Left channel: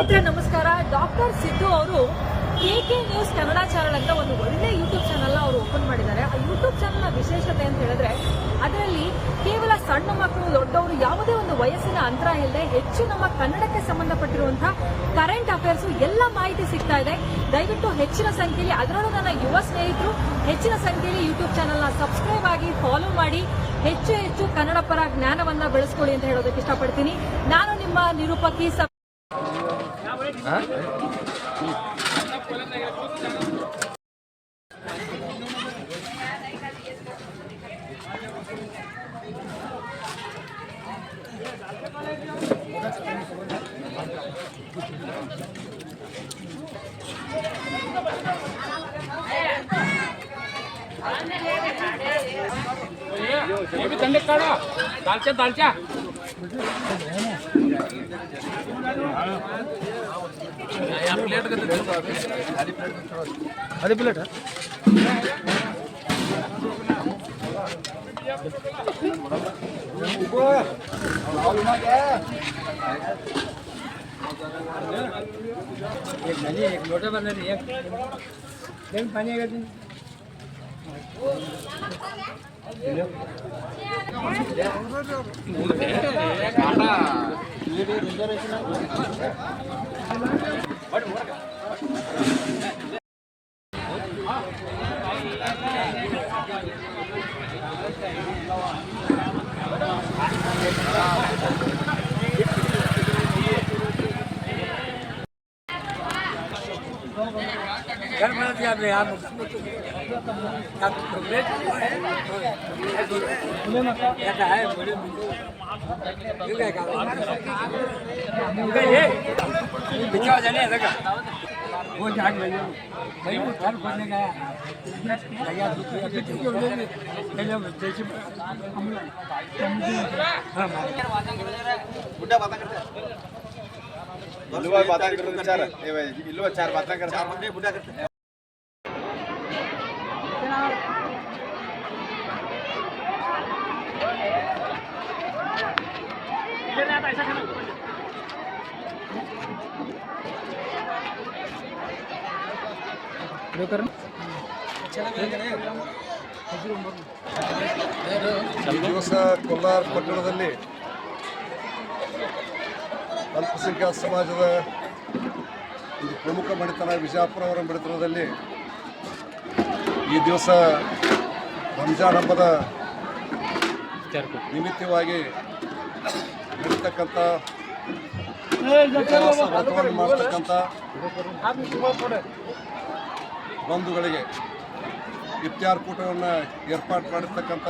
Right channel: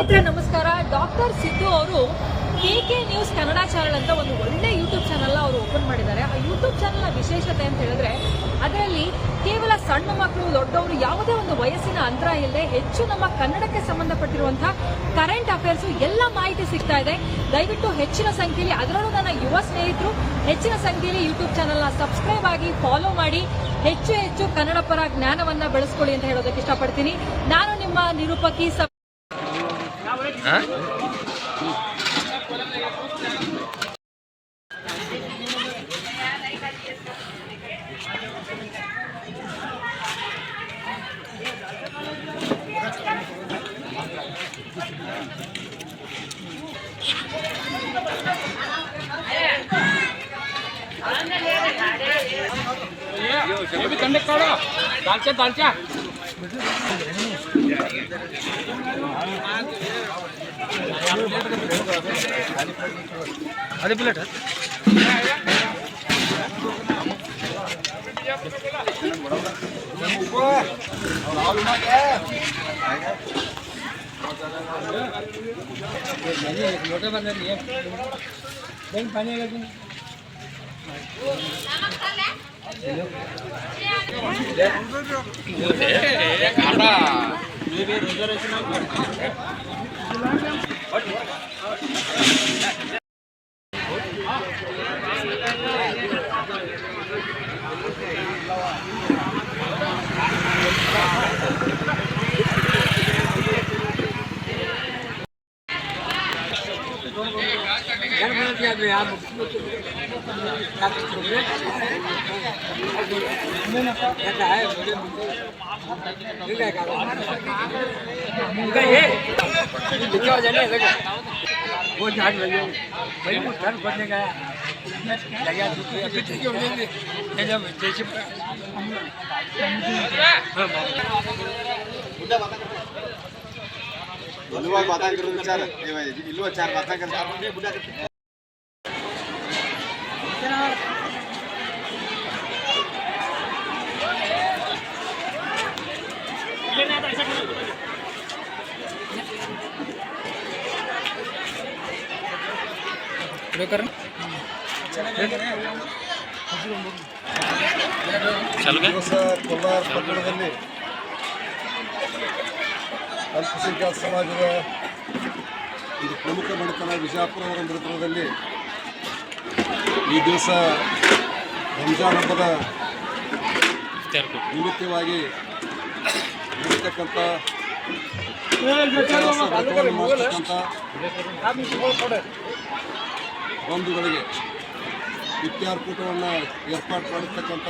ನಮಸ್ಕಾರ. ಡಾಕ್ಟರ್ ಸಿದ್ದು ಅವರು KK news Kannada channel ಅಂತ ಒಂದು ಒಳ್ಳೆ ಯೂಟ್ಯೂಬ್ ಚಾನೆಲ್ ಅವರು ಓಪನ್ ಮಾಡಿದ್ದಾರೆ. ಆ ಯೂಟ್ಯೂಬ್ ಚಾನೆಲ್ನ ವಿಶೇಷತೆ ಅಂತ ಹೇಳಿದ್ರೆ ಅದರಲ್ಲಿ ಕೇವಲ ಸಣ್ಣ ಮಕ್ಕಳು ದೊಡ್ಡವರು ಯಾವುದೇ ಒಂದು ವಯಸ್ಸಿನ ಅಂತರ ಇಲ್ಲದೆ ಹೆಚ್ಚು ನಮ್ಮ ಕನ್ನಡಕ್ಕೆ ಸಂಬಂಧಪಟ್ಟಿರುವಂತಹ ಕರೆಂಟ್ ಅಫೇರ್ಸ್ ಎಲ್ಲ ಮಾಹಿತಿ ಸಿಗ್ತಾ ಇದೆ. ದಯವಿಟ್ಟು ಹೆಚ್ಚಿನ ಸಂಖ್ಯೆಯಲ್ಲಿ, ಅದರಲ್ಲೂ ನನ್ನ ಯುವ ಸ್ನೇಹಿತರು ಹೆಚ್ಚಿನ ಸಂಖ್ಯೆಯಲ್ಲಿ ಯೂಟ್ಯೂಬ್ ಚಾನೆಲ್ನ ಸಬ್ಸ್ಕ್ರೈಬ್ ಆಗಿ ಫಾಲೋ ಮಾಡಿ ಹೆಚ್ಚು ಕನ್ನಡ ಪರ ಜ್ಞಾನವನ್ನ ಬೆಳೆಸ್ಕೊಳ್ಳಿ ಅಂತ ಹೇಳೋದಕ್ಕೆ ಇಷ್ಟಪಡ್ತೀನಿ. ನಾನು ನಿಮ್ಮ ನಿರೂಪಕಿ दालचा अरे प्लेट है मोटा बंदा नहीं है पानी आएगा चार बातें करता ಕೋಲಾರ ಪಟ್ಟಣದಲ್ಲಿ ಅಲ್ಪಸಂಖ್ಯಾತ ಸಮಾಜದ ಒಂದು ಪ್ರಮುಖ ಮನೆತನ ವಿಜಯಪುರ ಮನೆತನದಲ್ಲಿ ಈ ದಿವಸ ರಂಜಾನ್ ಹಬ್ಬದ ನಿಮಿತ್ತವಾಗಿ ನಡೀತಕ್ಕಂಥ ವ್ರತವನ್ನು ಮಾಡ್ತಕ್ಕಂಥ ಬಂಧುಗಳಿಗೆ ಇಫ್ತಾರ್ ಕೂಟವನ್ನು ಏರ್ಪಾಡು ಮಾಡಿರ್ತಕ್ಕಂಥ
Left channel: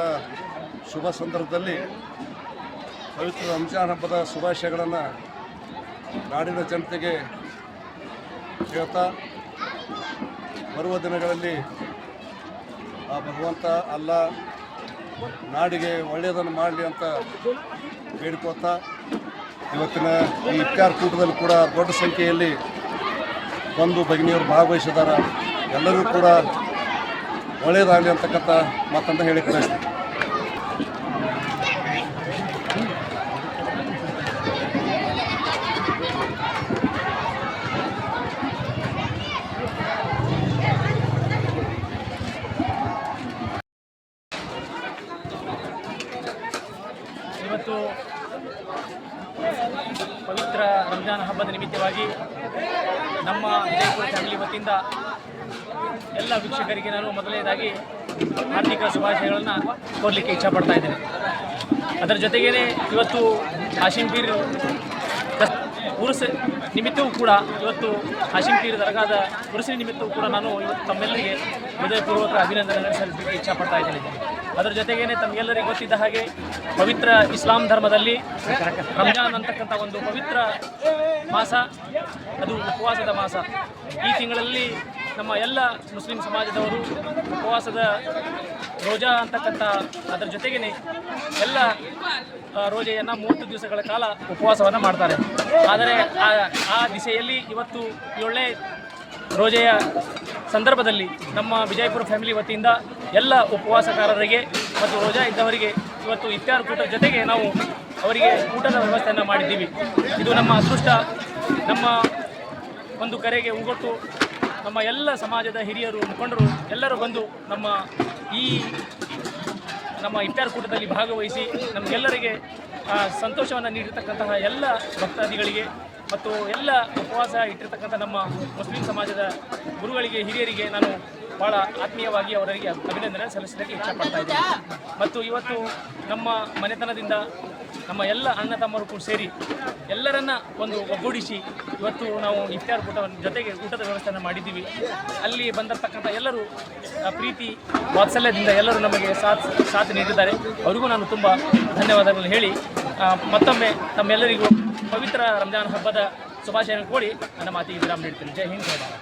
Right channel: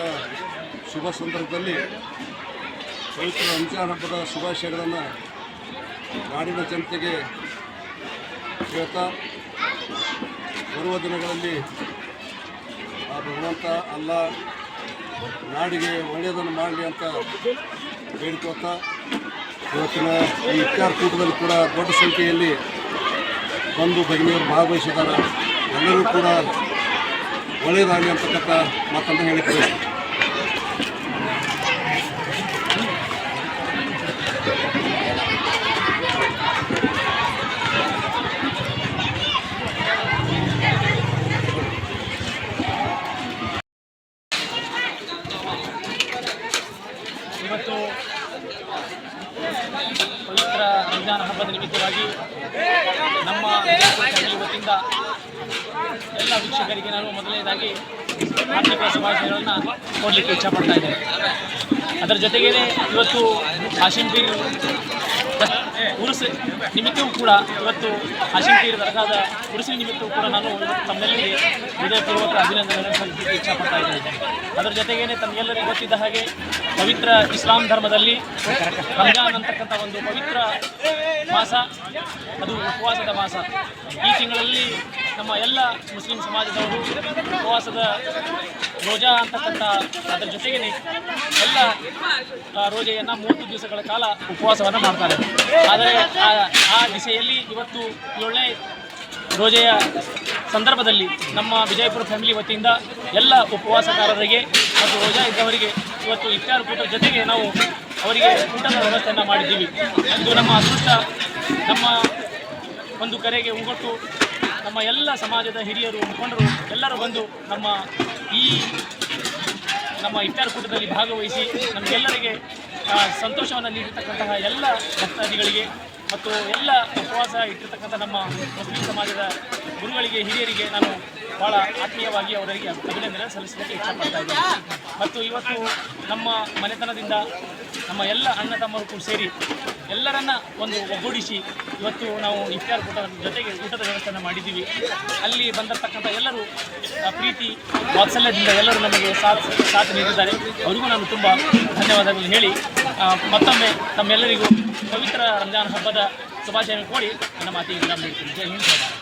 ಶುಭ ಸಂದರ್ಭದಲ್ಲಿ ಪವಿತ್ರ ರಂಜಾನ್ ಹಬ್ಬದ ಶುಭಾಶಯಗಳನ್ನು ನಾಡಿನ ಜನತೆಗೆ ಹೇಳ್ತಾ ಬರುವ ದಿನಗಳಲ್ಲಿ ಆ ಭಗವಂತ ಅಲ್ಲ ನಾಡಿಗೆ ಒಳ್ಳೆಯದನ್ನು ಮಾಡಲಿ ಅಂತ ಬೇಡ್ಕೋತಾ ಇವತ್ತಿನ ಈ ಇಫ್ತಾರ್ ಕೂಟದಲ್ಲಿ ಕೂಡ ದೊಡ್ಡ ಸಂಖ್ಯೆಯಲ್ಲಿ ಬಂದು ಭಗಿನಿಯರು ಭಾಗವಹಿಸಿದ್ದಾರೆ. ಎಲ್ಲರೂ ಕೂಡ ಒಳ್ಳೆಯದಾಗಲಿ ಅಂತಕ್ಕಂಥ ಮಾತನ್ನು ಹೇಳಿದ್ದಾರೆ. ಇವತ್ತು ಪವಿತ್ರ ರಂಜಾನ್ ಹಬ್ಬದ ನಿಮಿತ್ತವಾಗಿ ನಮ್ಮ ಫ್ಯಾಮಿಲಿ ವತಿಯಿಂದ ಎಲ್ಲ ವೀಕ್ಷಕರಿಗೆ ನಾನು ಮೊದಲನೇದಾಗಿ ಆರ್ಥಿಕ ಶುಭಾಶಯಗಳನ್ನು ಕೊಡಲಿಕ್ಕೆ ಇಚ್ಛಪಡ್ತಾ ಇದ್ದೇನೆ. ಅದರ ಜೊತೆಗೇ ಇವತ್ತು ಹಾಶಿಂಪೀರ್ ಉರುಸು ನಿಮಿತ್ತವೂ ಕೂಡ ಇವತ್ತು ಹಾಶಿಂಪೀರ್ ದರ್ಗಾದ ಉರುಸಿನ ನಿಮಿತ್ತವೂ ಕೂಡ ನಾನು ಇವತ್ತು ತಮ್ಮೆಲ್ಲರಿಗೆ ಹೃದಯಪೂರ್ವಕ ಅಭಿನಂದನೆಗಳನ್ನು ಸಲ್ಲಿಸಲಿಕ್ಕೆ ಇಚ್ಛಪಡ್ತಾ ಇದ್ದೇನೆ. ಅದರ ಜೊತೆಗೇ ತಮಗೆಲ್ಲರಿಗೂ ಗೊತ್ತಿದ್ದ ಹಾಗೆ ಪವಿತ್ರ ಇಸ್ಲಾಂ ಧರ್ಮದಲ್ಲಿ ರಂಜಾನ್ ಅಂತಕ್ಕಂಥ ಒಂದು ಪವಿತ್ರ ಮಾಸ, ಅದು ಉಪವಾಸದ ಮಾಸ. ಈ ತಿಂಗಳಲ್ಲಿ ನಮ್ಮ ಎಲ್ಲ ಮುಸ್ಲಿಂ ಸಮಾಜದವರು ಉಪವಾಸದ ರೋಜಾ ಅಂತಕ್ಕಂಥ ಅದರ ಜೊತೆಗೇ ಎಲ್ಲ ರೋಜೆಯನ್ನು 30 ದಿವಸಗಳ ಕಾಲ ಉಪವಾಸವನ್ನು ಮಾಡ್ತಾರೆ. ಆದರೆ ಆ ದಿಸೆಯಲ್ಲಿ ಇವತ್ತು ಒಳ್ಳೆ ರೋಜೆಯ ಸಂದರ್ಭದಲ್ಲಿ ನಮ್ಮ ವಿಜಯಪುರ ಫ್ಯಾಮಿಲಿ ವತಿಯಿಂದ ಎಲ್ಲ ಉಪವಾಸಕಾರರಿಗೆ ಮತ್ತು ರೋಜಾ ಇದ್ದವರಿಗೆ ಇವತ್ತು ಇಫ್ತಾರ್ ಕೂಟದ ಜೊತೆಗೆ ನಾವು ಅವರಿಗೆ ಊಟದ ವ್ಯವಸ್ಥೆಯನ್ನು ಮಾಡಿದ್ದೀವಿ. ಇದು ನಮ್ಮ ಅದೃಷ್ಟ. ನಮ್ಮ ಒಂದು ಕರೆಗೆ ಉಗೊಟ್ಟು ನಮ್ಮ ಎಲ್ಲ ಸಮಾಜದ ಹಿರಿಯರು ಮುಖಂಡರು ಎಲ್ಲರೂ ಬಂದು ನಮ್ಮ ಇಫ್ತಾರ್ ಕೂಟದಲ್ಲಿ ಭಾಗವಹಿಸಿ ನಮಗೆಲ್ಲರಿಗೆ ಸಂತೋಷವನ್ನು ನೀಡಿರ್ತಕ್ಕಂತಹ ಎಲ್ಲ ಭಕ್ತಾದಿಗಳಿಗೆ ಮತ್ತು ಎಲ್ಲ ಉಪವಾಸ ಇಟ್ಟಿರ್ತಕ್ಕಂಥ ನಮ್ಮ ಮುಸ್ಲಿಂ ಸಮಾಜದ ಗುರುಗಳಿಗೆ ಹಿರಿಯರಿಗೆ ನಾನು ಭಾಳ ಆತ್ಮೀಯವಾಗಿ ಅವರಿಗೆ ಅಭಿನಂದನೆ ಸಲ್ಲಿಸಲಿಕ್ಕೆ ಇಷ್ಟಪಡ್ತಾ ಇದ್ದೀನಿ. ಮತ್ತು ಇವತ್ತು ನಮ್ಮ ಮನೆತನದಿಂದ ನಮ್ಮ ಎಲ್ಲ ಅಣ್ಣ ತಮ್ಮರು ಕೂಡ ಸೇರಿ ಎಲ್ಲರನ್ನ ಒಂದು ಒಗ್ಗೂಡಿಸಿ ಇವತ್ತು ನಾವು ಇಫ್ತಾರ್ ಕೂಟ ಜೊತೆಗೆ ಊಟದ ವ್ಯವಸ್ಥೆಯನ್ನು ಮಾಡಿದ್ದೀವಿ. ಅಲ್ಲಿ ಬಂದಿರತಕ್ಕಂಥ ಎಲ್ಲರೂ ಪ್ರೀತಿ ವಾತ್ಸಲ್ಯದಿಂದ ಎಲ್ಲರೂ ನಮಗೆ ಸಾಥ್ ನೀಡಿದ್ದಾರೆ. ಅವರಿಗೂ ನಾನು ತುಂಬ ಧನ್ಯವಾದಗಳನ್ನು ಹೇಳಿ ಮತ್ತೊಮ್ಮೆ ತಮ್ಮೆಲ್ಲರಿಗೂ ಪವಿತ್ರ ರಂಜಾನ್ ಹಬ್ಬದ ಶುಭಾಶಯಗಳನ್ನು ಕೋರಿ ನನ್ನ ಮಾತಿಗೆ ವಿರಾಮ ನೀಡ್ತೀನಿ. ಜೈ ಹಿಂದ್, ಜೈ ಭಾರತ್.